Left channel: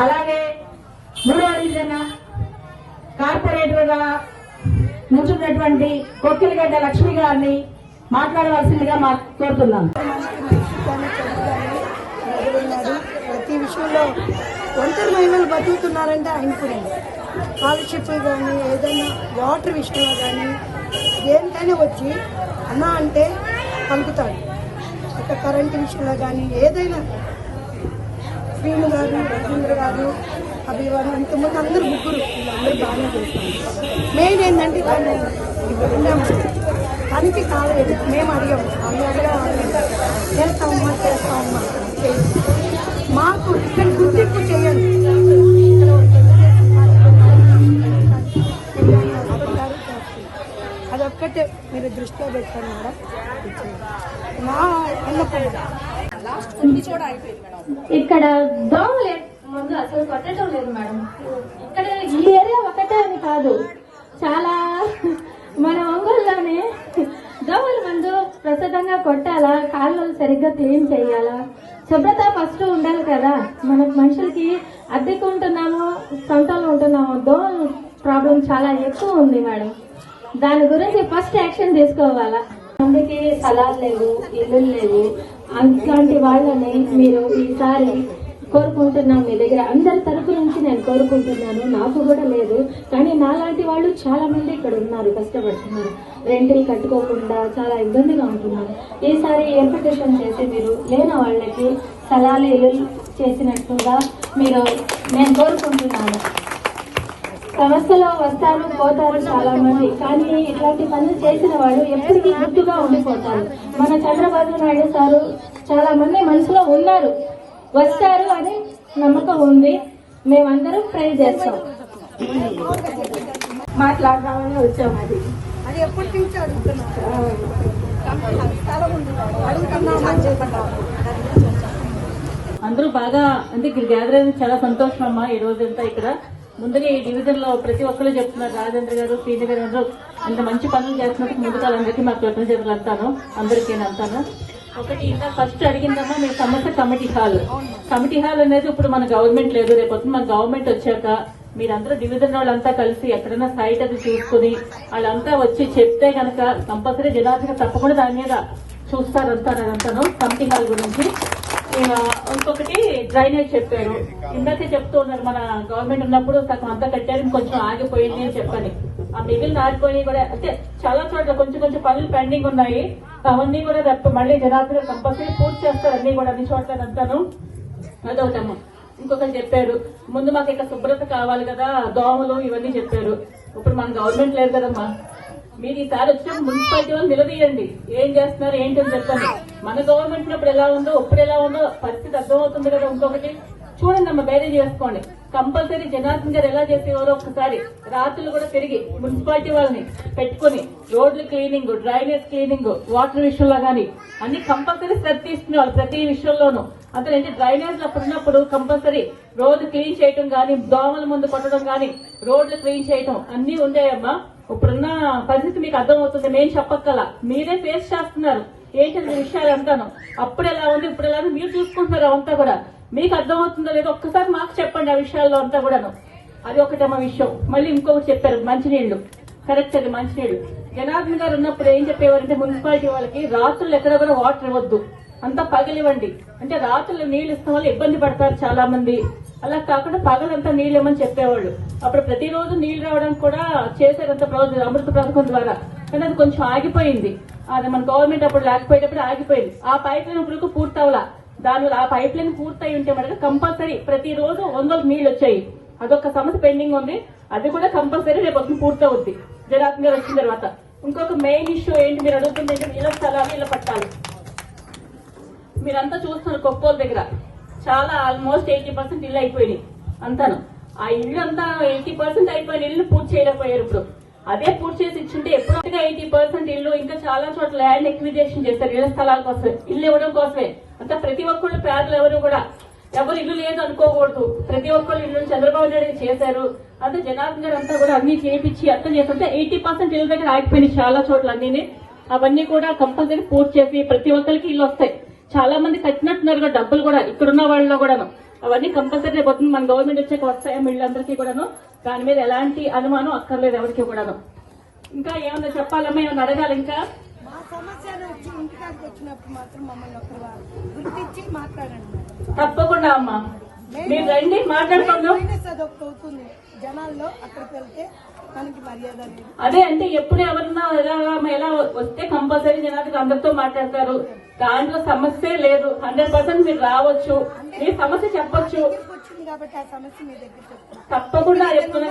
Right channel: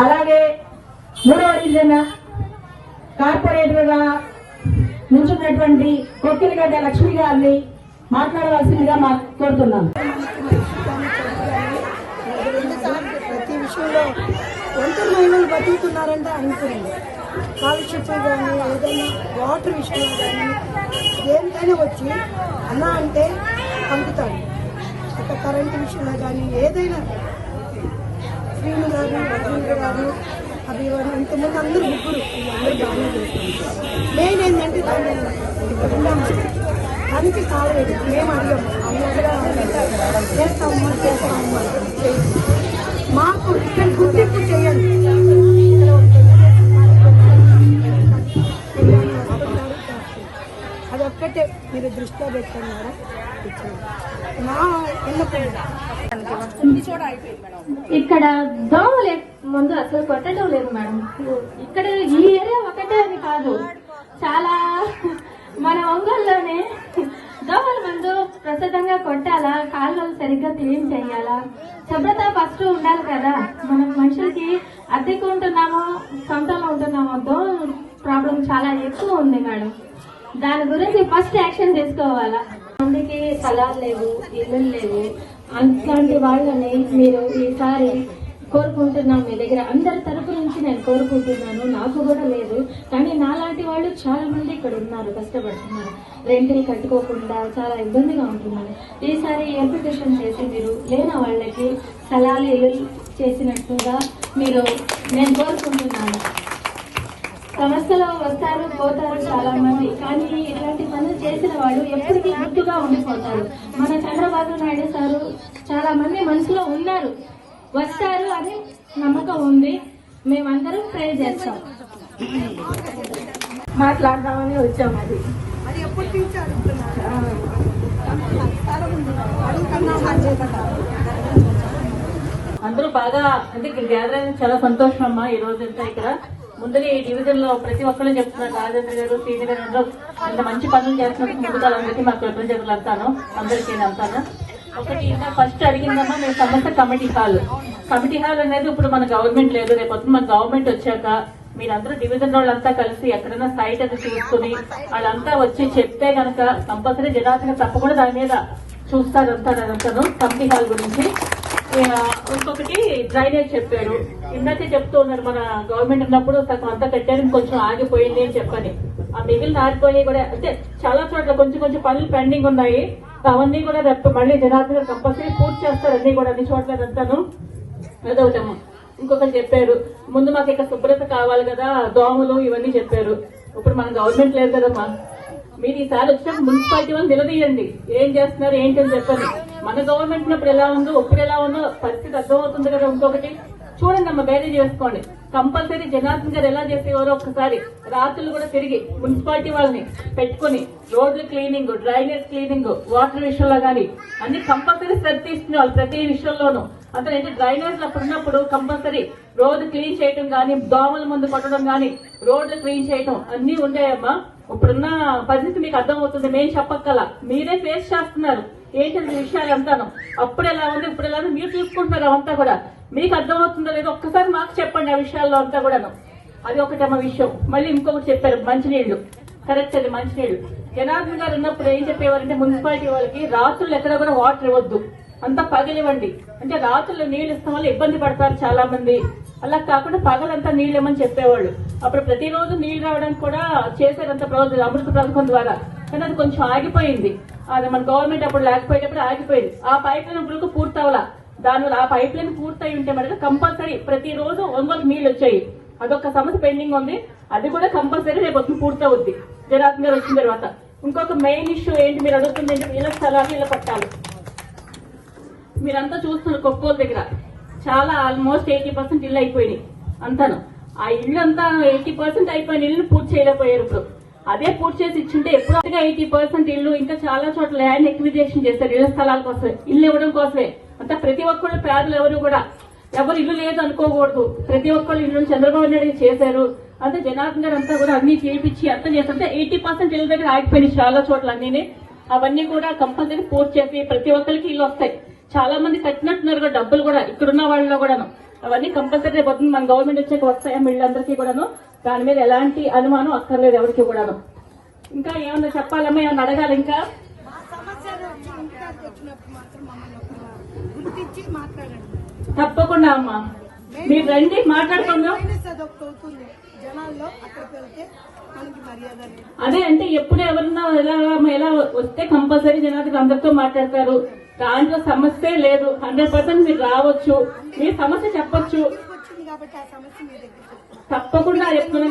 అలాగే మూడవ డివిజన్ కార్పొరేటర్గా నుంచున్నటువంటి కొక్కిలిగడ్డ లక్ష్మి గారిని మాట్లాడవలసిందిగా మా కోరుతున్నాం ప్రతి విషయంలో ఒంటరి మహిళలు బతుకుతున్నారంటే అనుకునేది స్కాలర్షిప్ కానీ ఏదైనా వాటర్ విషయంలో కానీ దేనికైనా వచ్చి అన్న అంటే పంపుతాడు. ఒక కరెంటు విషయంలో కానీ ఏదైనా శ్రీను గారు రవీంద్ర గారు అభివారు ఇంతమంది అందరూ ముగ్గురు. అందరూ బాగానే చేస్తాం మెయిన్ ఏంటంటే తను ఇక్కడ ఉన్నాము తనకి కాలేదు మేము అడిగాము. అన్ని అడగాలి చేస్తామమ్మా చేస్తామమ్మా మాకు ఇక్కడ గుర్తింపు చేయండి. అదొక్కటే మీరు దృష్టిలో పెట్టండి మేడం. నా విన్నపం ఇక్కడ దోమలు ముందు అసలు కొట్టడం లేదు మేడం. ఇక్కడ ఈ ఏరియా ఒకటే అని కాదు. చాలా మన ఒంగోలులోనే దోమల మందు ప్రస్తుతంగా కొట్టాలా? కాలువలు సరిగ్గా క్లీన్ చేయాలా? శుభ్రత ఫస్ట్ ఉండాలి కదా. మన మనుషులకి అద్దెకు ఉంటున్నామో సొంతంలో ఉంటున్నామో దోమల ప్రాబ్లం చాలా ఎక్కువ ఉంది మేడం. దాని గురించి ఫస్ట్ యాక్షన్ తీసుకోవాలా? మందికి స్థలాలు లేవు ఇల్లు లేవు. అట్లాంటి వాళ్ళని మీరు ఈసారి కోరుకుంటున్నాం మీ దగ్గర. అందరి తరపు నుంచి నేను కోరుకుంటున్నాను. నాకు కూడా లేదు. కానీ నాలాంటి వాళ్ళు చాలా మంది ఇక్కడ ఉన్నారు కష్టపడుతున్నారు. రెంట్ని కట్టుకోకుండా చాలా ఇబ్బందిగా ఉంటున్నారు. ఈసారి ఎంపిటేషన్ చేసి మీరు లేని వాళ్ళకి స్థలాలు ఇల్లు చేసినట్టుగా మీరు నేను కోరుకుంటున్నాను. సమస్యలో వస్తారు పోతారు చాలా మంది కానీ ఇట్లాంటి పనులు చేసిన వాళ్ళు ఎప్పటికీ గుర్తుగా ఉండిపోతారు. మన చంద్రబాబు నాయుడు సారు చాలా మంది మనసులో ఉన్నారు. వస్తారు అని నమ్మకం ఉంది. మేమందరం ట్రై చేస్తాం. మాట్లాడదామని వచ్చాము అది. అందరూ బాగా అంటే ఇక్కడ గ్యాదర్ అయిన చాలా సంతోషం అమ్మా ఈ రోజంతా ఇక్కడ. ముందుగా ఈ డివిజన్లో ప్రతి ఒక్కరు చెప్తున్నారు రాజేంద్ర గారు టీవీ గారు అందరూ మంచి పనులు చేస్తున్నట్టు అందరికీ మా కృతజ్ఞతలు అంటాను అందరికీ అంటాను. ఒకటి ఫస్ట్ అడిగిందమ్మా మీ సమస్య కమిటీ హాల్. కమిటీ హాల్ అనేది ఇప్పుడు మన గవర్నమెంట్ లేదు రేపు మన గవర్నమెంట్ వచ్చాక మీరందరూ డివిజన్ వాళ్ళంతా కలిసి ఎక్కడైనా సైట్ అని చూసుకుని వాళ్ళంతా వచ్చి చెప్తే కనుక కంపల్సరీ జనాభా తప్పకుండా దాని మీద చూస్తారు వస్తారని అంటాను కమిటీ హాల్ గురించి. ఇంకొకటి డ్రైనేజ్ చెప్పారు. ఇందాకే చెప్తూ ఉన్నారు మన గవర్నమెంట్ ఉన్నప్పుడు సగం అంతా కట్టారు కొంచెం ఆగిపోయింది అని చెప్పని. ఆ మిగిలిన ఆగిపోయి కూడా అంటే చాలా చోట్ల కొంచెం కొంచెం పనులు పెండింగ్ ఉన్నాయి. అవన్నీ కూడా రేపు మళ్ళీ జనాభా కంపల్సరీ పూర్తి చేస్తారు అన్ని కూడా అన్ని చోట్ల అంతాను అదవుతాము ఇంకొకటి చెప్పారు ముందు మాకు ఇక శుభ్రత కావాలి కదా దోమలు ఇవన్నీ చెప్పారు. ఇప్పుడు మన గవర్నమెంట్ లేదు కదమ్మా. మీరు ఈసారి వచ్చిన మున్సిపాలిటీ వాళ్ళు నిలదీయండి. ఏం చేస్తున్నారు ఏంటి అని చెప్పండి. మన గవర్నమెంట్ ఉన్నప్పుడు ఎలా ఉందో ఇప్పుడు ఎలా ఉందో పరిస్థితి అర్థమవుతుంది కదా ఇంకొకటి. చూడండి అమ్మ వేరే చేసుకోండి. కంపల్సరీ జనార్దన్ గారు ఎలా చేసేవారో ఒకసారి రాత్రులు కూడా తిరిగి మున్సిపాలిటీ వాళ్ళని పెట్టుకుని రోడ్లు క్లీనింగ్ డ్రైనేజ్ క్లీనింగ్ వాటర్ విషయంలో కానీ అన్ని కంపల్సరీ శ్రద్ధ తీసుకునేవాళ్ళు ప్రతి విషయంలోనూ. అంటే ఏంటి డ్రైనేజ్లో ఉన్నప్పుడు కంపల్సరీ రోడ్డు క్లీన్ చేయటం కానీ దోమల మందు కొట్టడం కానీ రోడ్లు క్లీన్ చేయటం అన్ని ఉండేయమ్మా ఇప్పుడున్న పరిస్థితి మీకు అర్థమవుతుంది. నేను చెప్పక్కల. మీరే ఫేస్ చేస్తున్నారు. ఏంటంటే విషయాలు అంటాను? అప్పుడు ఎలా ఉంది? ఇప్పుడు ఎలా ఉంది? మీరు చూసుకుంటున్నారు అంతా కూడా. మీకు అర్థమవుతుందో లేదో? ఒక్కసారి మాకు చెప్పండి ఆ విషయాల్లో అంతా కూడాను. అది ఒకటేమో విషయం. మళ్ళీ ఇంకొకటి చెప్పారు. మంచినీళ్ళు. కరెక్ట్ అది మంచినీళ్ళు. జనార్దన్ గారు ఉన్నప్పుడు ఏం చెప్పేవారంటే మున్సిపాలిటీ వాళ్ళకి రాత్రులు ఎక్కడ కూడా వాటర్ ఇవ్వద్దు. అంతా పగలివ్వండి. అంటే రాత్రులు నీళ్ళు ఇస్తాం వల్ల ఇబ్బంది పడతారు చాలా మంది అలా కాకుండా పగలంతా నీళ్ళు ఇవ్వమని చెప్పేవాళ్ళు. అప్పుడు ప్రతిరోజు నీళ్ళు రావడానికి కూడా చేసేదంత ప్రాజెక్ట్ అమృత పథకం ద్వారా. కానీ అది కొంచెం ఆగిపోయింది. అది మన గవర్నమెంట్ అప్పుడు లేకపోయేటప్పుడు ఆగిపోయింది. ఆ పైప్ లైన్ ఇప్పుడు పూర్తి అవ్వాల దానివల్ల ఆ పైప్ లైన్ పూర్తయి ఉంటే మనకి కంపల్సరీ ప్రతిరోజు వందల నీళ్ళు వచ్చాయి. అదొక సమస్య పెండింగ్ ఉంది. అది కూడా కంపల్సరీ రేపు వస్తుంది పూర్తవుద్ది. జనార్దన్ వచ్చిన తర్వాత. ఇంకొక మెయిన్ ఇష్యూ ఏంటి మీరు అడుగుతుంది ఏంటి నీళ్ళ స్థలాలు ఇలా పట్టాలి. మీరంతా చూస్తున్నారు కొప్పోల దగ్గర చాలా ఆల్మోస్ట్ ఎయిటీ పర్సెంట్ ఇల్లు అయిపోయినాయి అంతాను. ఆ ఇల్లు అంతా ఎయిటీ పర్సెంట్ అయిపోయిన ఇల్లు పూర్తి చేయలేకపోయారు ఇప్పుడు. అదే పూర్తి చేసి ఇచ్చింటే ఎప్పుడు ఎయిటీ పర్సెంట్ ఇల్లు ఇంకా చాలా చోట్ల ల్యాండ్ ఎక్విజేషన్ చేస్తారు ఇళ్ళ స్థలాల కోసం ఇల్లు ఇవ్వడం కోసమే. అంతా ప్రతి ఒక్కళ్ళు పేదలు ఎవరు కూడా ఎవరు ఇల్లు లేదు అనుకోకూడదు. ప్రతి ఒక్కళ్ళు ఇల్లు చంద్రబాబు నాయుడు చేశారు. అంతా జనార్దన్ గారు అంతా కూడా అన్ని చేయించి అర్థం చేస్తుంటే ఎయిటీ పర్సెంట్ ఇల్లు దగ్గర ఆగిపోయినాయి చాలా చోట్ల అన్ని అవన్నీ కూడా కంపల్సరీ పూర్తి చేసి ప్రతి ఒక్కరికి ఇల్లు వస్తాయి. చాలా మంది కట్టినట్టున్నారు కదా డబ్బులు కూడా. ఇక్కడున్న వాళ్ళలో కూడా అవన్నీ కంపల్సరీ పొద్దున్న మన గవర్నమెంట్ వచ్చాక వస్తాయి వీళ్ళందరికీ కూడాను? దాని మీద ఎలాంటి అనుమానం అక్కర్లేదు ఎవరికి కూడాను. ఇంకా ఏమన్నా చెప్పాలమ్మా? ఏమన్నా అడగాలి ఇంకా? తప్పకుండా అమ్మా. మీరు రండి మాట్లాడుకుందాం. అవుతుంది. జనాల్లో అక్కడికి వెళ్తే. అదే అంటే ఎప్పుడు ఎవరన్నా ఎలా ఎలా వస్తే కంపల్సరీ జనానికి అందరితో మాట్లాడతారు. దాంట్లో సమస్య లేదు. హండ్రెడ్ పర్సెంట్ మీరు రావచ్చు. మీ సమస్య చెప్పొచ్చు. తప్పకుండా ఎప్పుడు